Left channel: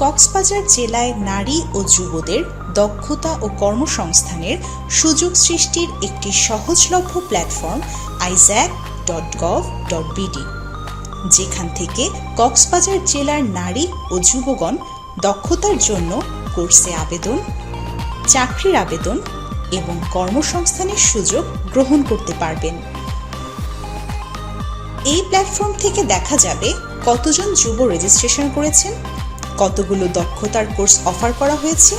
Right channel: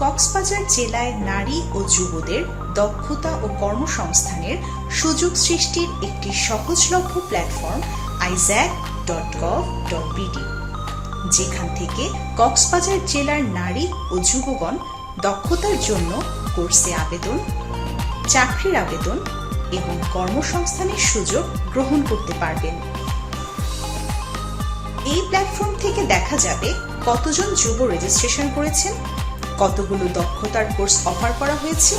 কক্সবাজার জেলায় নারী ও যুবদের দক্ষতা ও কর্মসংস্থানের সুযোগ সৃষ্টির একটি সহজলভ্য প্ল্যাটফর্ম isaac.gov.bd, যেখান থেকে কক্সবাজার জেলার নারী ও যুবগণ দক্ষতার জন্য কোর্সে আবেদন, চাকরির আবেদন এবং কর্মসংস্থানের সুযোগ গ্রহণ করতে পারবেন। এই প্ল্যাটফর্ম থেকে দেখা যাবে কতজন যুব রেজিস্ট্রেশন করেছেন, কতগুলো দক্ষতার কোর্স অফার করা হয়েছে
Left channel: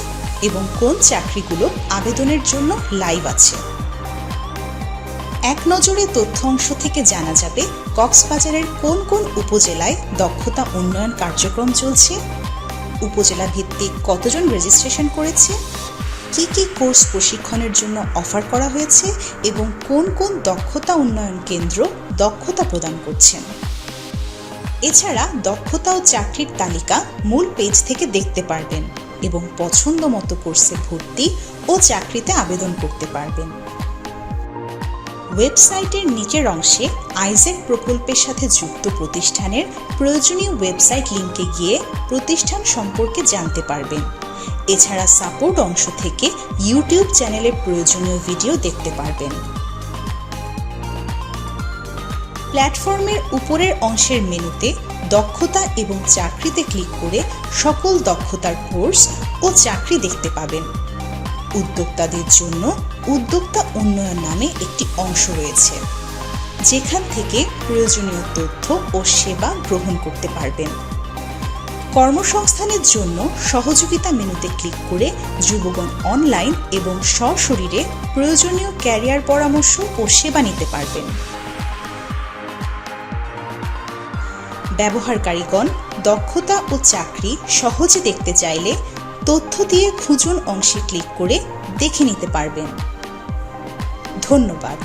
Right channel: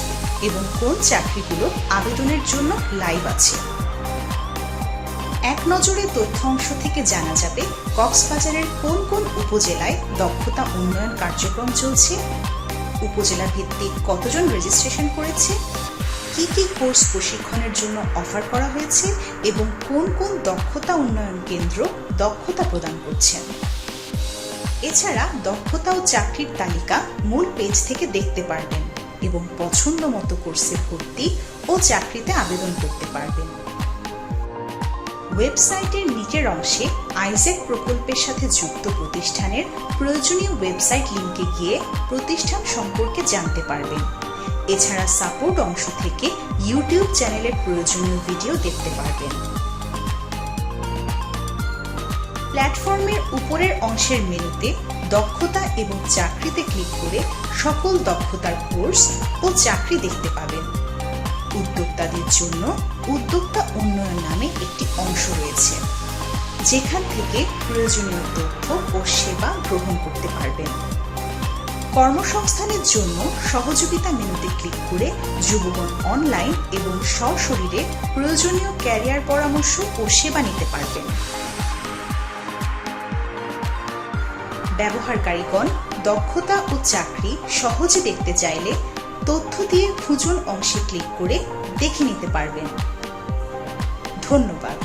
এবং কোন চাকরিগুলো আবেদনের জন্য লাইভ আছে। এক নজরে তথ্য অংশ থেকে জানা যাবে কক্সবাজারের কোন কোন উপজেলায় দক্ষতা উন্নয়ন কার্যক্রম চলছে, উপজেলা ভিত্তিক কতজন রেজিস্ট্রেশন করেছে, কি কি কোর্স প্রশিক্ষণের জন্য অফার করা হয়েছে এবং কোন কোন দক্ষতা উন্নয়ন কেন্দ্র দক্ষতা প্রদান করছেন। এছাড়া দক্ষতা ও চাকরির তালিকা মূল পেজ থেকে দেখতে পারবেন এবং পছন্দ মতো কোর্সে ভর্তি ও চাকরিতে আবেদন করতে পারবেন। ওয়েবসাইটের নিচের অংশে আইজ্যাক প্রকল্পের সাথে যুক্ত প্রতিষ্ঠানের প্রয়োজনীয় ওয়েবসাইট লিংকে গিয়ে প্রতিষ্ঠান সম্পর্কে জানতে পারবেন। এছাড়া সাপোর্ট অংশ থেকে ইউটিউব চ্যানেলের প্রয়োজনীয় ভিডিও দেখতে পারবেন। প্ল্যাটফর্মের উপরের অংশের মেনুতে দক্ষতা এবং চাকরিতে ক্লিক করে সকল দক্ষতার কোর্স ও চাকরি দেখতে পাবেন। উদ্যোক্তাদের জন্য উদ্যোক্তা উন্নয়ন নামে একটি অংশ রয়েছে, যেখান থেকে প্রয়োজনীয় তথ্য ও সেবা গ্রহণ করতে পারবেন। কর্মসংস্থানের জন্য সহযোগিতা মেনুতে ক্লিক করে যুবগণ অনলাইন এবং সশরীরে প্রয়োজনীয় ক্যারিয়ার পরামর্শ ও সেবা নিতে পারবেন। ব্যবহারকারীগণ দক্ষতা ও চাকরি সহজে দেখতে চাইলে তথ্য দিয়ে খুঁজুন অংশে ক্লিক করে দেখে নিতে পারবেন। ধন্যবাদ।